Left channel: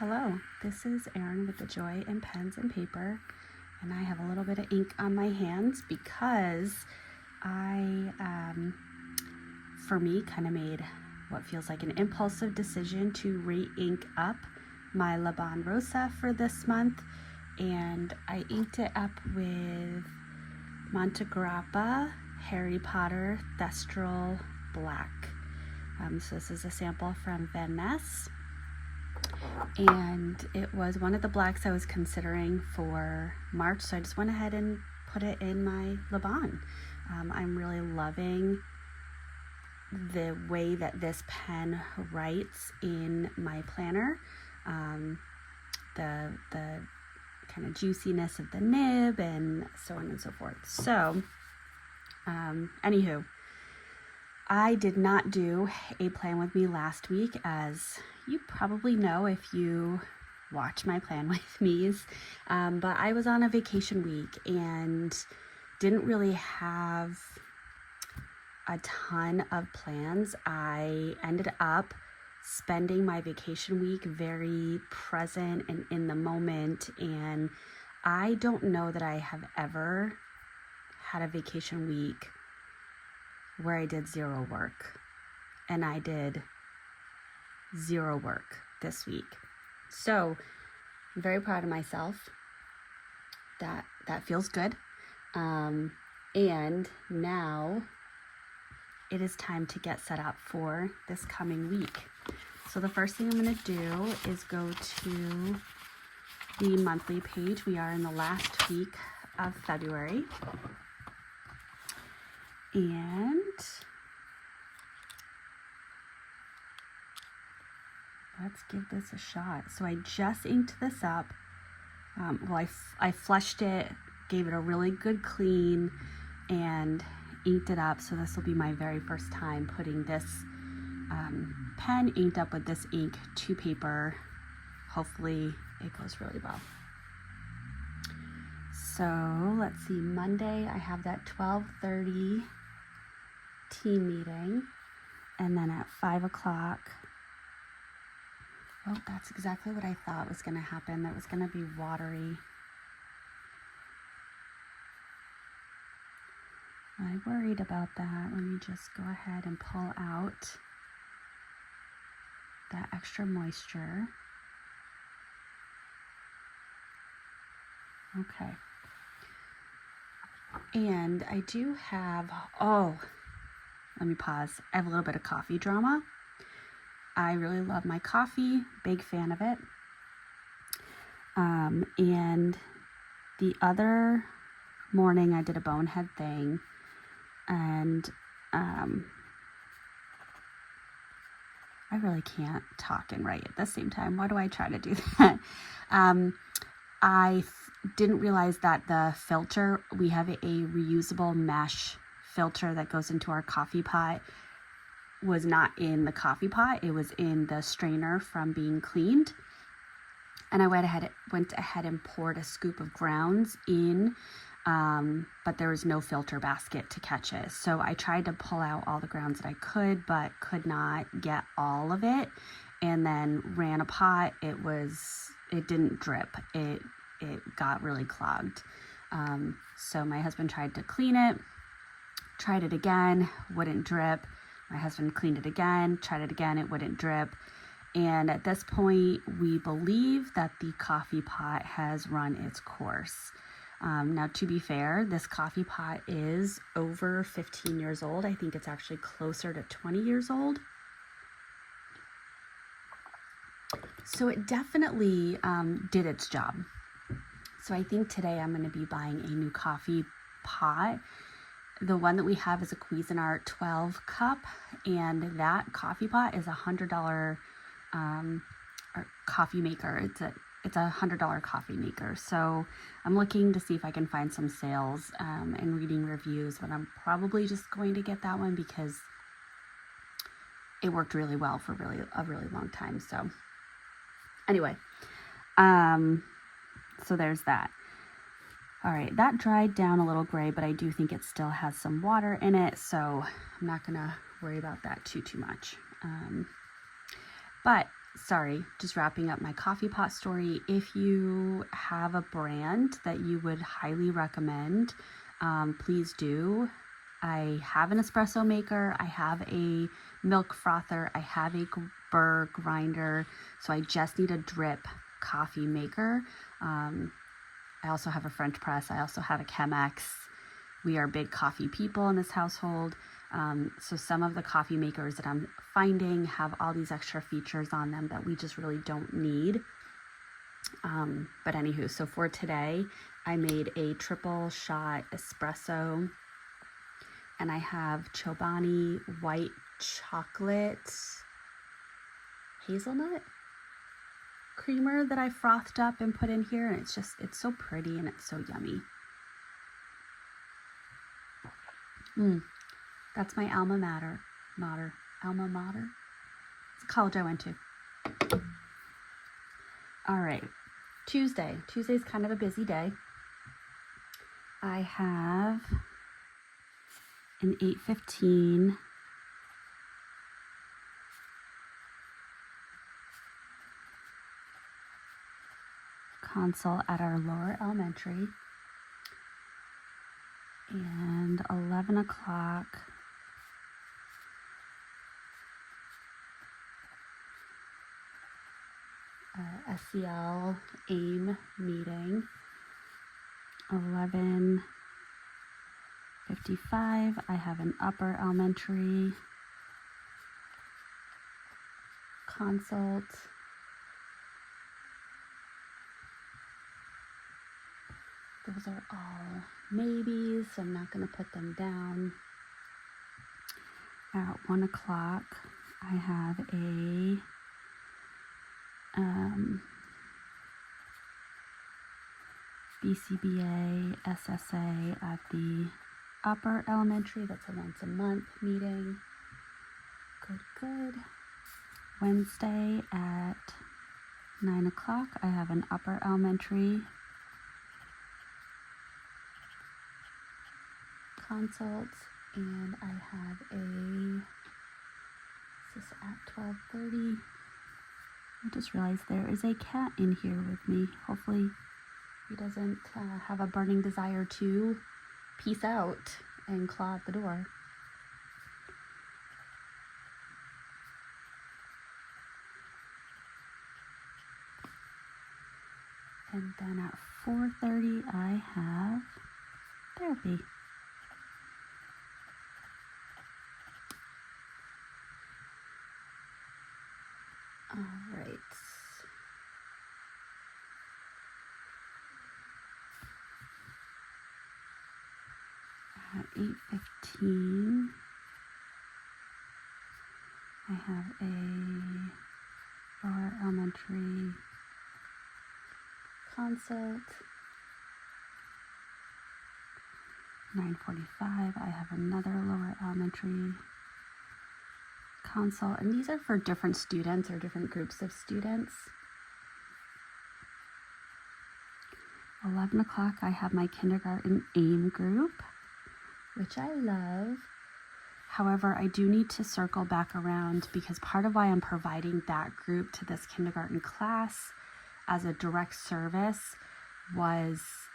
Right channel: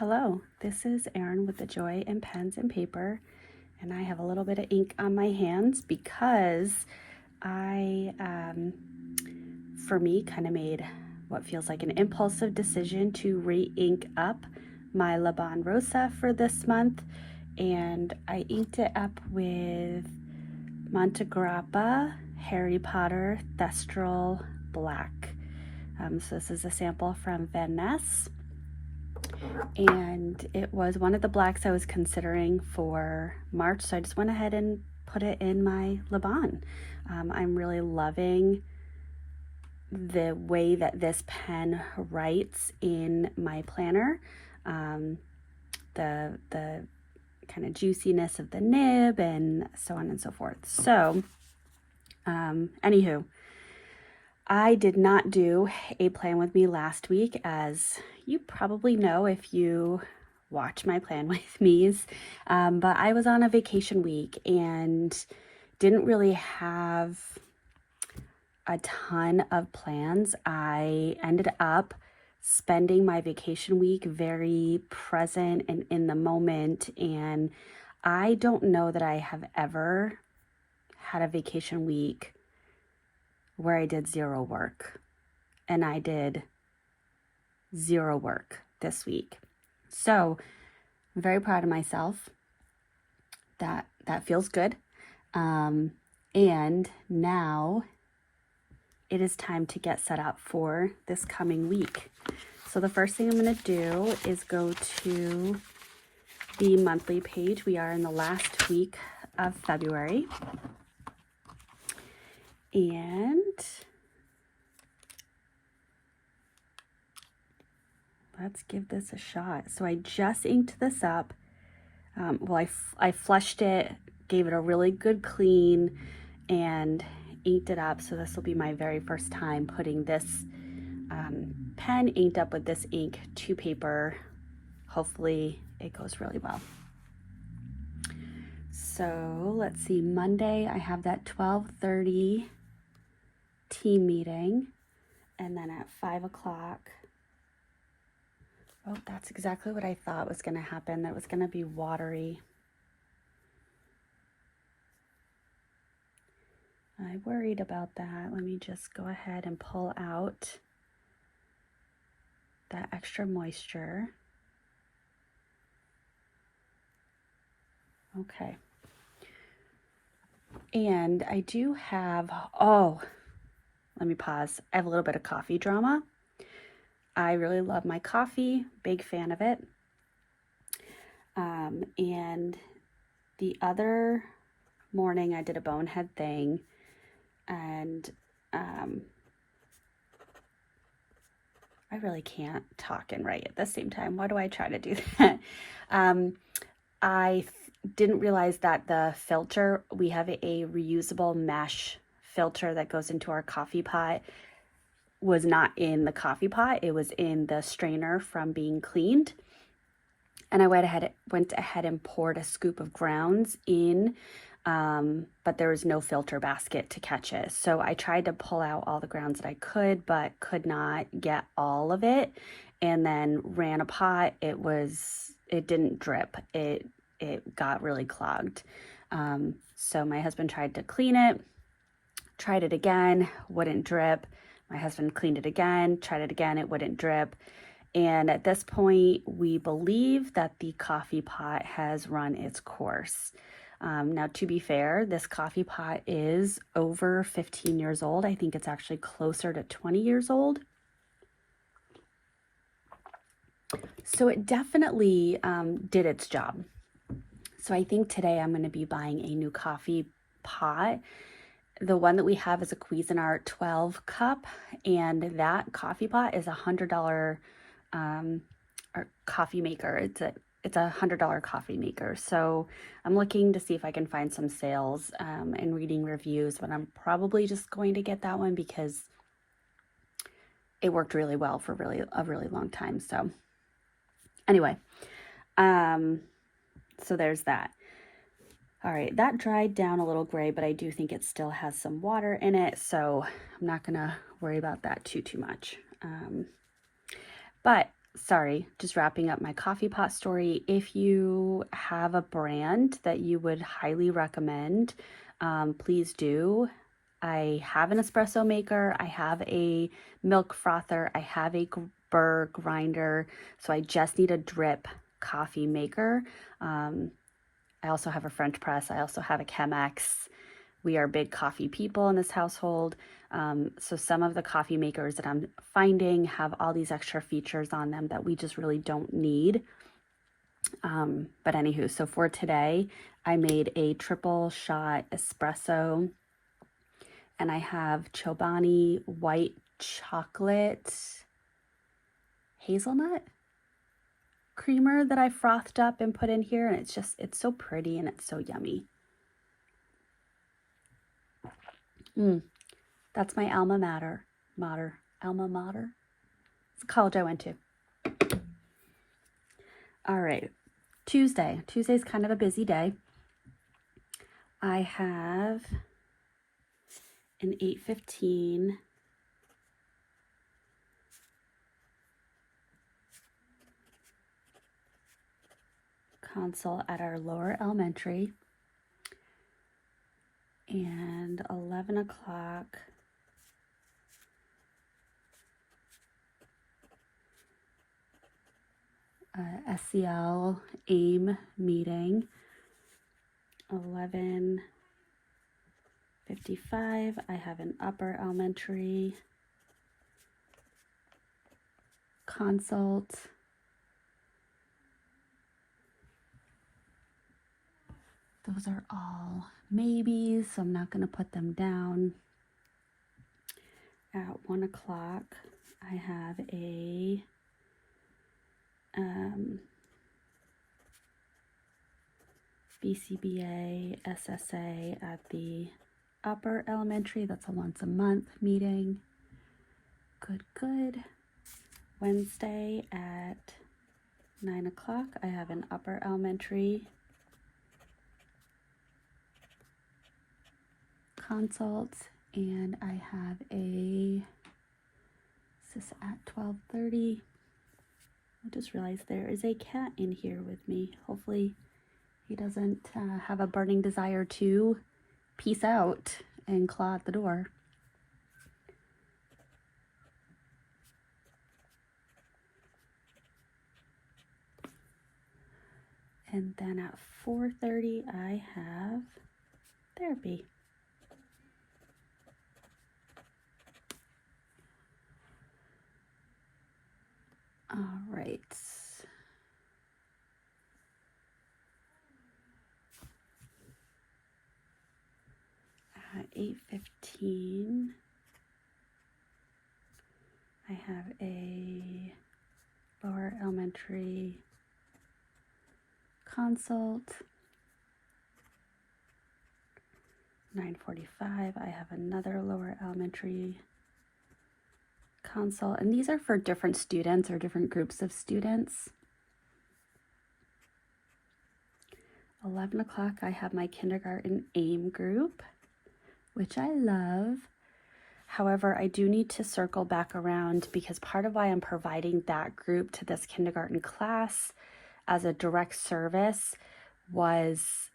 Hello, this is Erin with the Joy in Pens and Paper, and I have a little bit of ink on my hands because I, for me, kind of made what feels like an impulsive decision to re-ink up my Laban Rosa for this month, and I inked it up with Montegrappa Harry Potter Thestral Black. So this is a sample from Van Ness. And it was one of the blacks I was considering for March, so I just went ahead and put it in my Laban. I'm really loving the way that this pen writes in my planner. The kind of juiciness of the nib and so on and so forth. So, anywho, I did not do a plan with me last week, as you probably know if you watch my plan with me's, but I was on a vacation week and didn't really have a ton of plans. I ended up spending my vacation week very present and in the moment, and I don't know that I have ever had a vacation week where I did zero work, and I did zero work this week. So I'm very proud of myself. That feels good. And now it is time to get set up for this coming week. So the first thing I'm going to do is go to the monthly page. We are in the last week of February. And let's give this a shot. So I just inked this up. I flushed it, gave it a really good clean, and inked it up. So this will be my very first time putting this pen inked up with this ink to paper. Hopefully it goes really well. So let's see, Monday I have that 12:30 team meeting, and then at 5 o'clock, oh, that's exactly what I thought was going to happen. That was going to be watery. I worried about that. Let me just go ahead and pull out that extra moisture. Okay. And I do have, let me pause. I have a little bit of coffee drama. I really love my coffee, big fan of it. And the other morning I did a bonehead thing, and I really can't talk and write at the same time. Why do I try to do that? I didn't realize that the filter, we have a reusable mesh filter that goes into our coffee pot, was not in the coffee pot. It was in the strainer from being cleaned. And I went ahead and poured a scoop of grounds in, but there was no filter basket to catch it. So I tried to pull out all the grounds that I could, but could not get all of it. And then ran a pot. It didn't drip. It got really clogged. So my husband tried to clean it, tried it again, wouldn't drip. My husband cleaned it again, tried it again, it wouldn't drip. And at this point, we believe that the coffee pot has run its course. Now, to be fair, this coffee pot is over 15 years old. I think it's actually closer to 20 years old. So it definitely did its job. So I think today I'm going to be buying a new coffee pot. The one that we have is a Cuisinart 12 cup, and that coffee pot is $100 coffee maker. It's a $100 coffee maker. So I'm looking to see if I can find some sales and reading reviews, but I'm probably just going to get that one because it worked really well for a really long time. So anyway, so there's that. All right, that dried down a little gray, but I do think it still has some water in it, so I'm not gonna worry about that too much. But sorry, just wrapping up my coffee pot story. If you have a brand that you would highly recommend, please do. I have an espresso maker, I have a milk frother, I have a burr grinder, so I just need a drip coffee maker. I also have a French press, I also have a Chemex. We are big coffee people in this household. So some of the coffee makers that I'm finding have all these extra features on them that we just really don't need. But anywho, so for today, I made a triple shot espresso, and I have Chobani white chocolate hazelnut creamer that I frothed up and put in here, and it's so pretty and it's so yummy. That's my alma mater. Alma mater. It's the college I went to. All right, Tuesday. Tuesday's kind of a busy day. I have an 8:15 consult at our lower elementary, and 11 o'clock SEL AIM meeting. 11:55 I have an upper elementary consult. Those are all maybes, so I'm not going to put them down. At 1 o'clock, I have a BCBA SSA at the upper elementary. That's a once a month meeting. Good. Wednesday at 9 o'clock, I have an upper elementary consult, and I have this is at 12:30. I just realized there is a cat in here with me. Hopefully he doesn't have a burning desire to peace out and claw at the door. And then at 4:30 I have therapy. All right. At 8:15, I have a lower elementary consult. 9:45, I have another lower elementary consult, and these are for different students or different groups of students. 11 o'clock, I have my kindergarten AIM group, which I love. However, I do need to circle back around because part of why I'm providing that group to this kindergarten class as a direct service was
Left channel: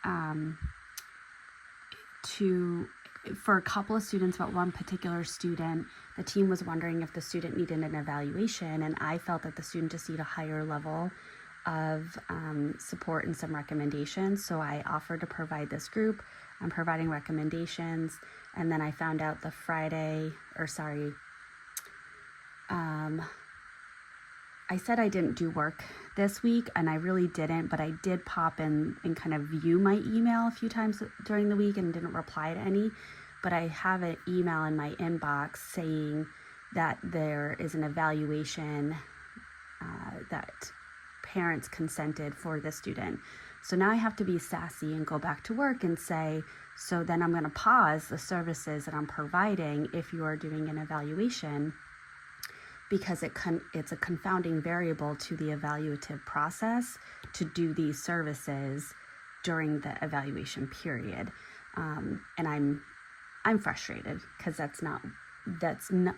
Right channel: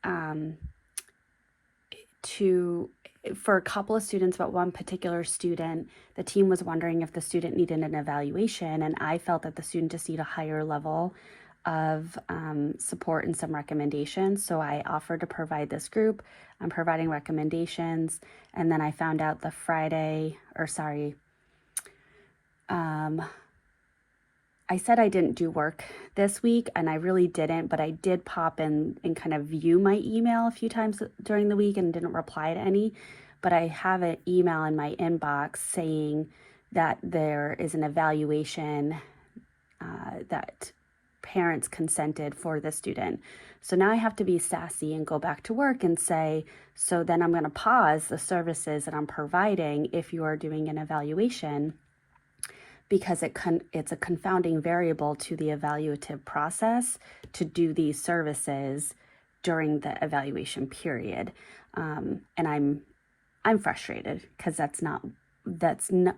for a couple of students, but one particular student, the team was wondering if the student needed an evaluation, and I felt that the student just needed a higher level of support and some recommendations. So I offered to provide this group. I'm providing recommendations, and then I found out the I said I didn't do work this week, and I really didn't, but I did pop in and kind of view my email a few times during the week and didn't reply to any. But I have an email in my inbox saying that there is an evaluation that parents consented for the student. So now I have to be sassy and go back to work and say, so then I'm going to pause the services that I'm providing if you are doing an evaluation, because it's a confounding variable to the evaluative process to do these services during the evaluation period. And I'm frustrated because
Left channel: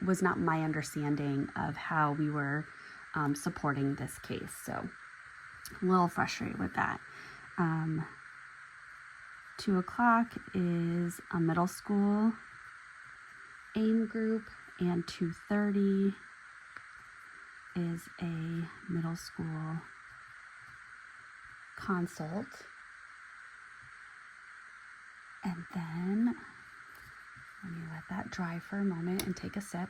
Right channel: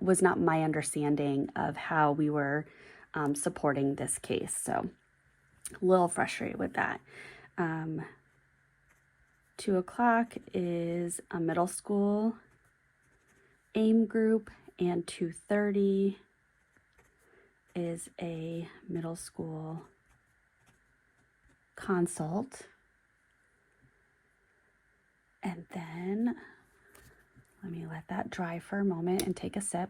was not my understanding of how we were supporting this case. So a little frustrated with that. 2 o'clock is a middle school AIM group, and 2:30 is a middle school consult. And then let me let that dry for a moment and take a sip.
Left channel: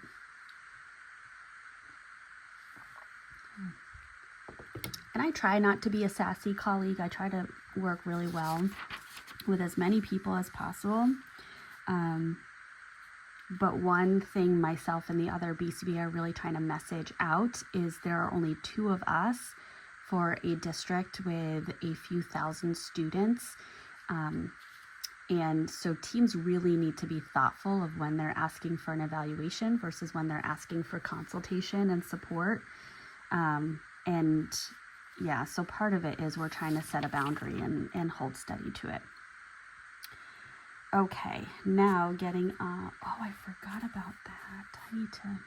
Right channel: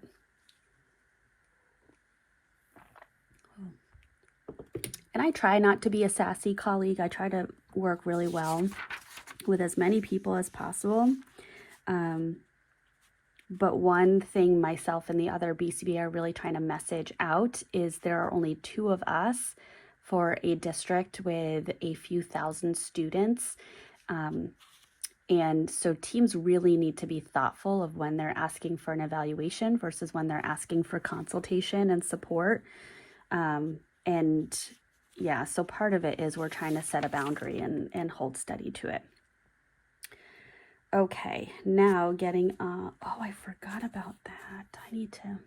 And I try not to be a sassy colleague. I try to work really well with as many people as possible. But one thing myself and the other BCBA are really trying to message out is there are only 2 of us for a district with a few thousand students. And so teams really need to be thoughtful of when they're asking for an evaluation versus when they're asking for consultation and support. And yeah, so part of it is we're trying to set a boundary and hold steady to it. Okay, now getting, oh, I forgot about that. I need to,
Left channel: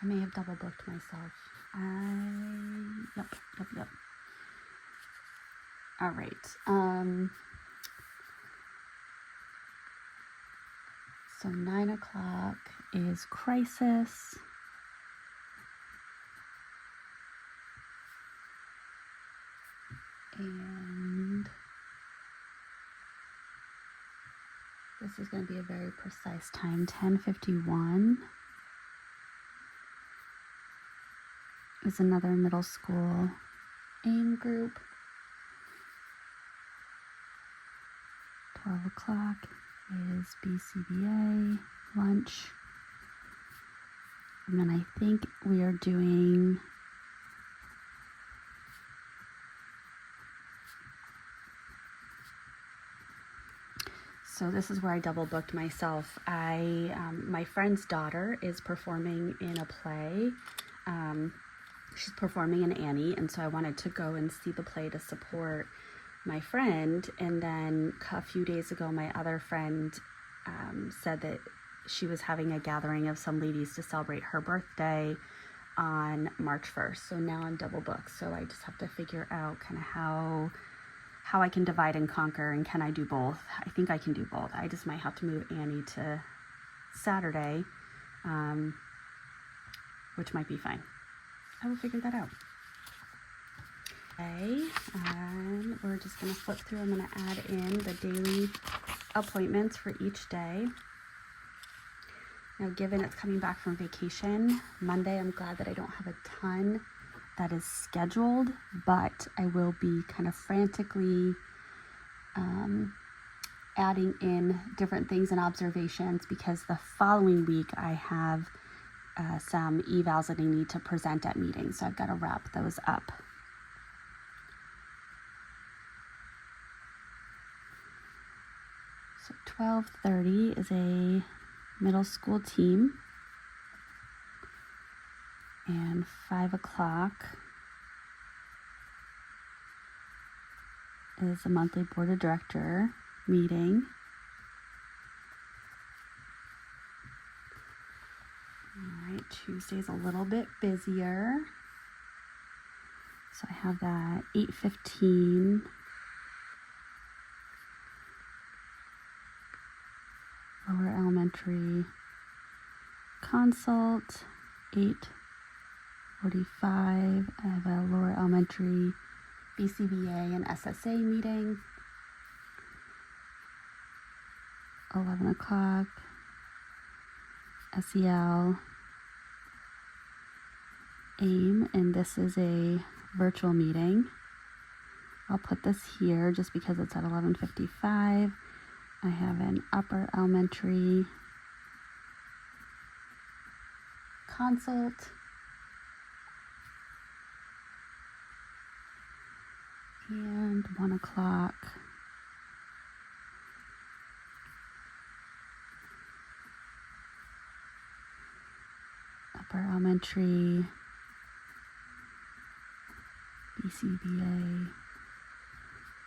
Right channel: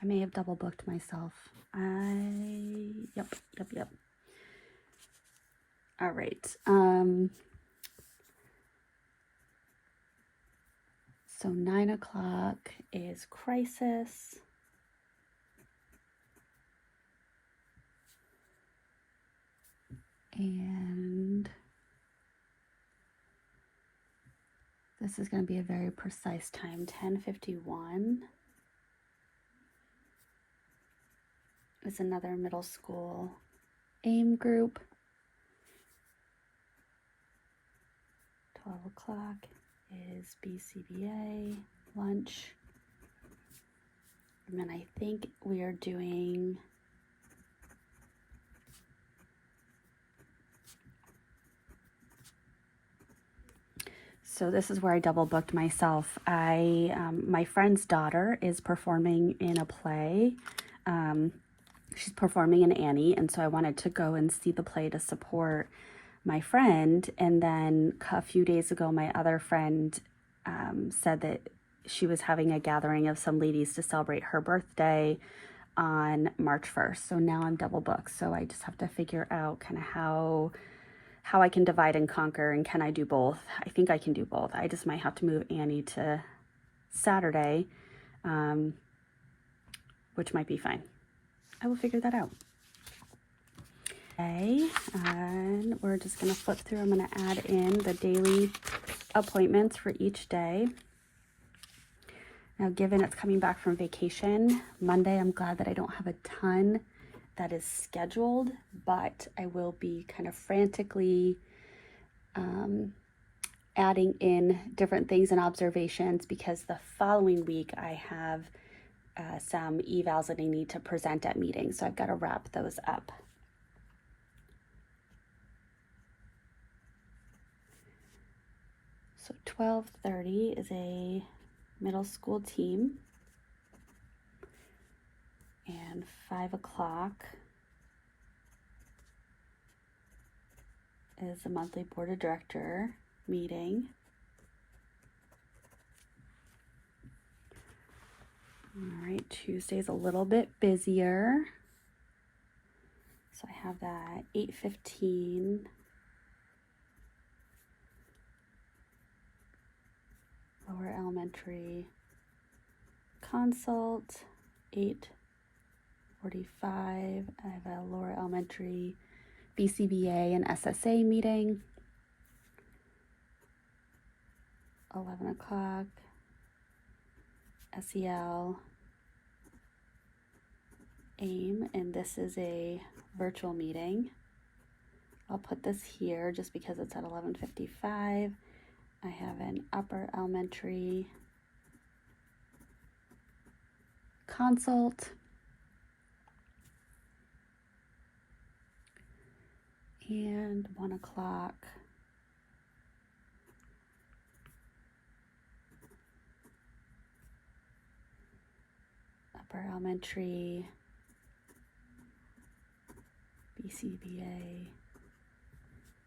I may have double booked myself. Yep. All right. So 9 o'clock is crisis. And this is going to be a very precise time. 10:51 is another middle school AIM group. 12 o'clock is BCBA lunch. And then I think we are doing so this is where I double booked myself. My friend's daughter is performing in a play. She's performing in Annie, and so I wanted to go and see the play to support my friend. And then a few days ago, my other friend said that she was having a gathering of some ladies to celebrate her birthday on March 1st. So now I'm double booked. So I just have to figure out kind of how I can divide and conquer, and can I do both? I think I can do both. I just might have to move Annie to Saturday, which might be fine. I will figure that out. Okay, and we're just going to flip through. I'm going to add in the daily appointments for each day. Now, given it's coming back from vacation, Monday, I'm glad that I don't have a ton that is scheduled, but I will be kind of frantically adding in different things and observations, because the following week I have some evals that I need to present at meetings, so I've got to wrap those up. So 12:30 is a middle school team, and 5 o'clock is a monthly board of director meeting. All right, Tuesday's a little bit busier. So I have that 8:15. Lower elementary consult, 8:45. I have a lower elementary BCBA and SSA meeting. 11 o'clock, SEL, AIM, and this is a virtual meeting. I'll put this here just because it's at 11:55. I have an upper elementary consult, and 1 o'clock upper elementary BCBA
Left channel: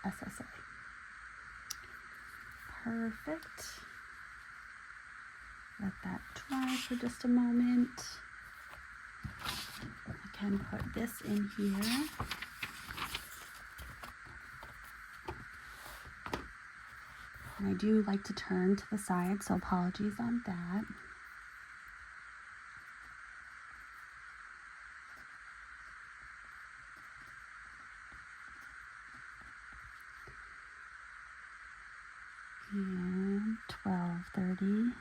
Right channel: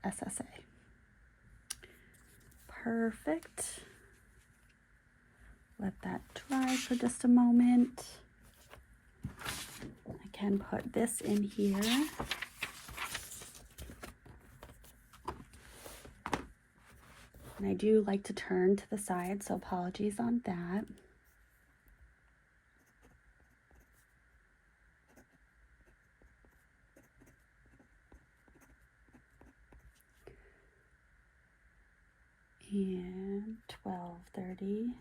SSA. Perfect. Let that dry for just a moment. can put this in here. And I do like to turn to the side, so apologies on that. And 12:30.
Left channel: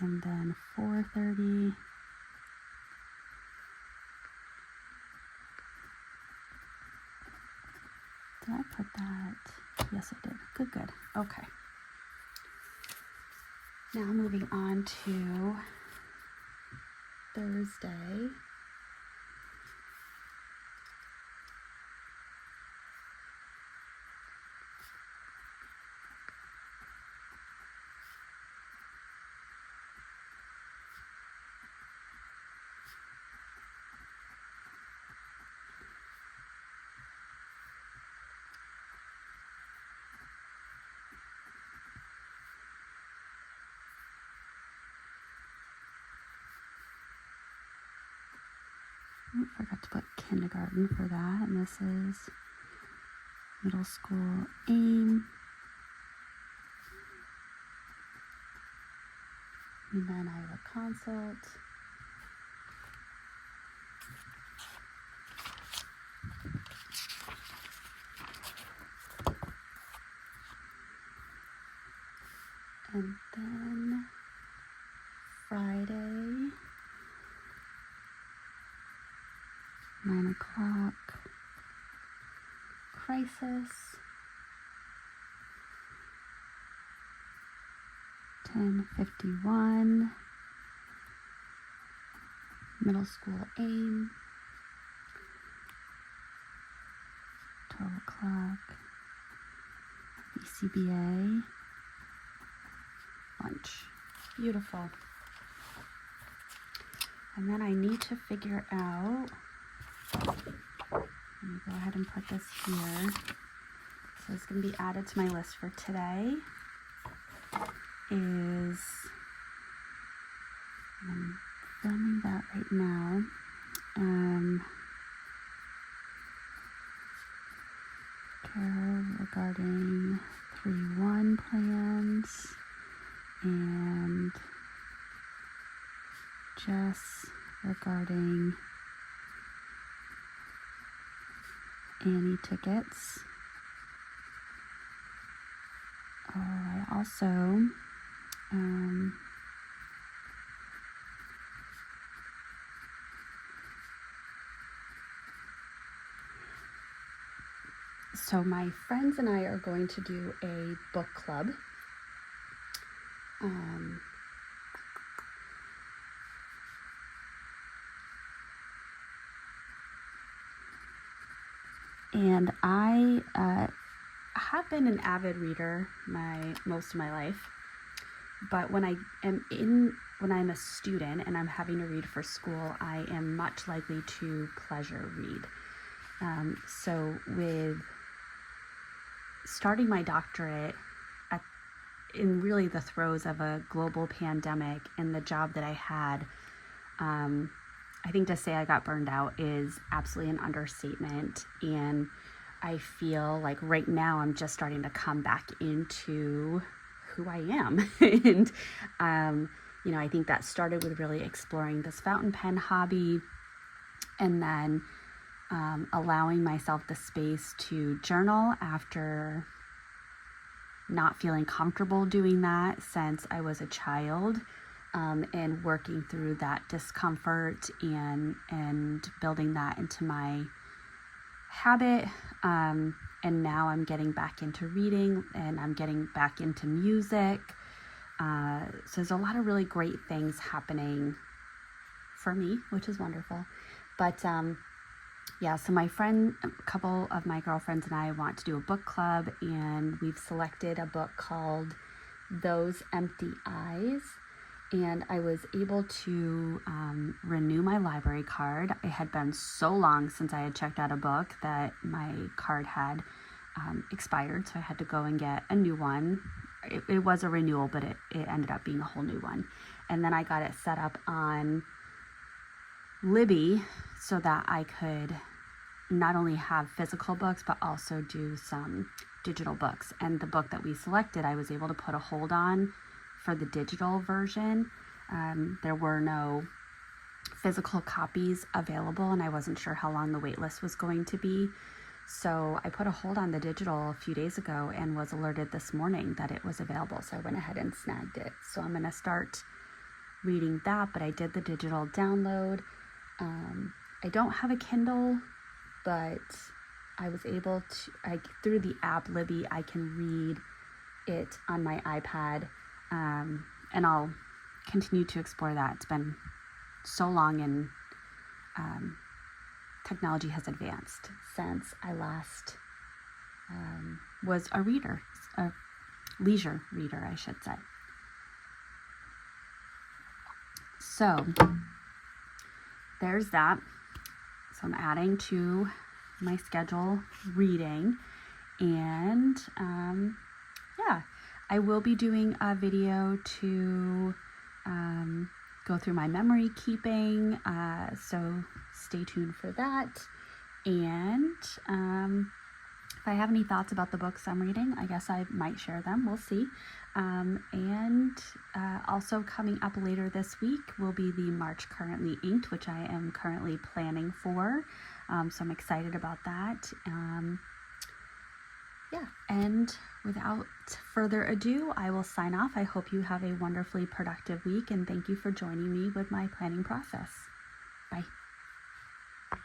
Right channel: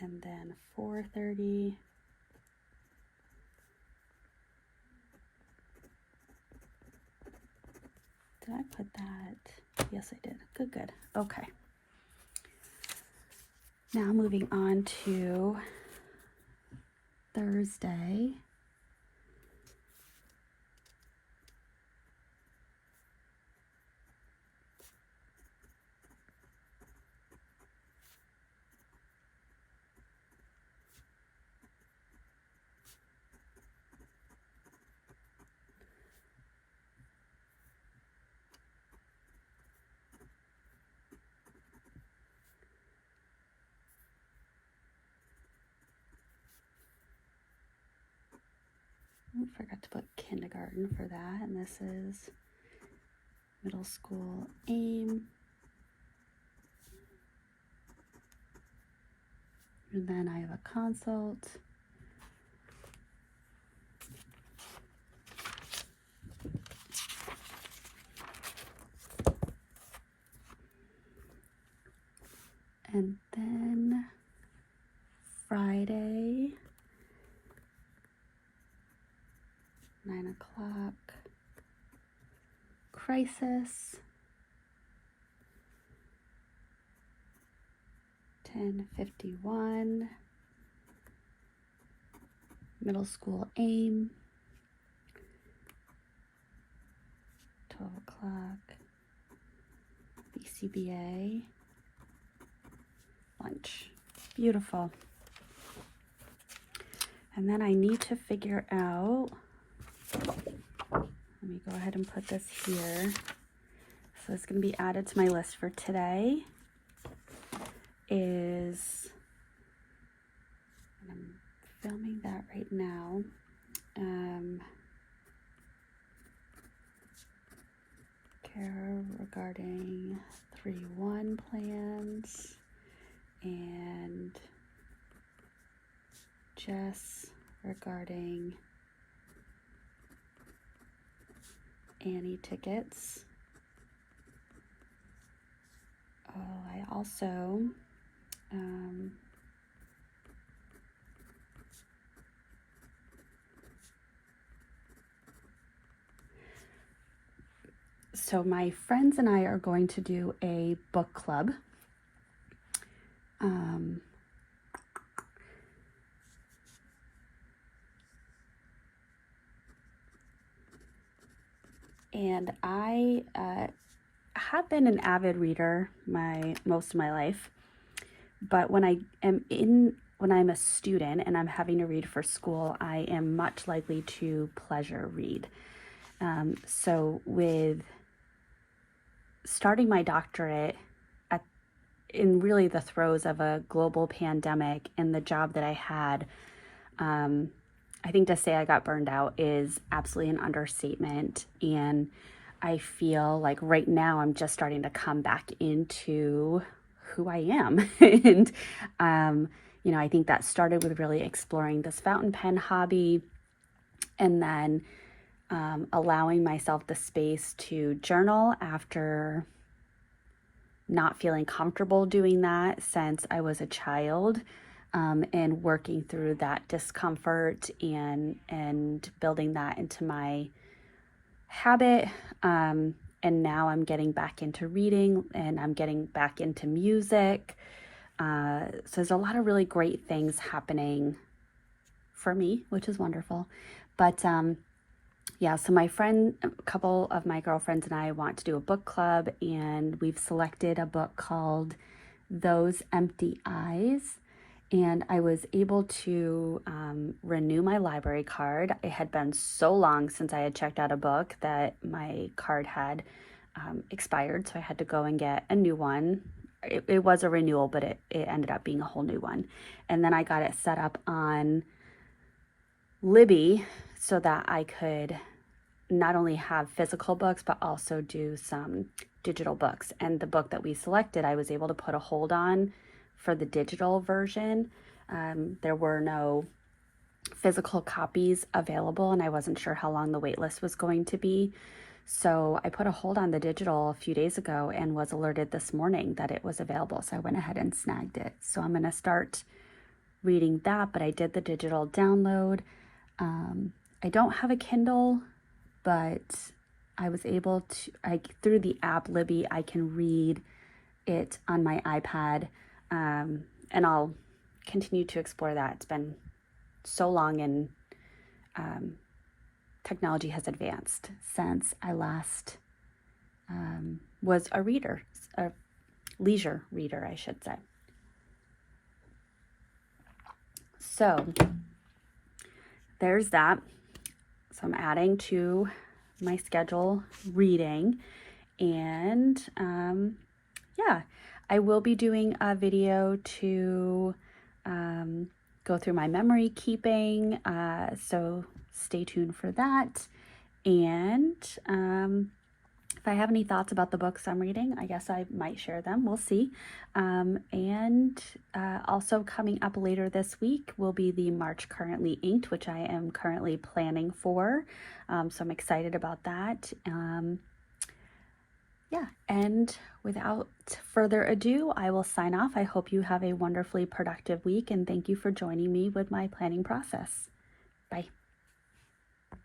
And then 4:30. Did I put that? Yes, I did. Good. Okay. Now moving on to Thursday. I forgot to put kindergarten for that, and this is middle school AIM. And then I have a consult. And then Friday, 9 o'clock, crisis. 10:51, middle school AIM. 12 o'clock, BCBA, lunch. Beautiful. And then I need to figure out, let me go ahead and put this here. So it's going to be added to my list for today. I'm filming that right now. Care regarding 3-1 plans and Jess regarding Annie tickets. I also so my friends and I are going to do a book club. And I have been an avid reader most of my life, but when I'm a student and I'm having to read for school, I am much likely to pleasure read. So with starting my doctorate in really the throes of a global pandemic and the job that I had, I think to say I got burned out is absolutely an understatement. And I feel like right now I'm just starting to come back into who I am. And, I think that started with really exploring this fountain pen hobby, and then allowing myself the space to journal after not feeling comfortable doing that since I was a child. And working through that discomfort and building that into my habit. And now I'm getting back into reading, and I'm getting back into music. So there's a lot of really great things happening for me, which is wonderful. But so a couple of my girlfriends and I want to do a book club, and we've selected a book called Those Empty Eyes. And I was able to renew my library card. It had been so long since I had checked out a book that my card had expired, so I had to go and get a new one. it was a renewal, but it ended up being a whole new one. And then I got it set up on Libby so that I could not only have physical books, but also do some digital books. And the book that we selected, I was able to put a hold on for the digital version. There were no physical copies available, and I wasn't sure how long the wait list was going to be. So I put a hold on the digital a few days ago and was alerted this morning that it was available. So I went ahead and snagged it. So I'm going to start reading that, but I did the digital download. I don't have a Kindle, but I was able to, through the app Libby, I can read it on my iPad, and I'll continue to explore that. It's been so long, and technology has advanced since I last was a reader, a leisure reader, I should say. So there's that. So I'm adding to my schedule reading, and yeah, I will be doing a video to go through my memory keeping, so stay tuned for that. And if I have any thoughts about the books I'm reading, I guess I might share them. We'll see. And also coming up later this week will be the March Currently Inked, which I am currently planning for. So I'm excited about that. Yeah, and without further ado, I will sign off. I hope you have a wonderfully productive week, and thank you for joining me with my planning process.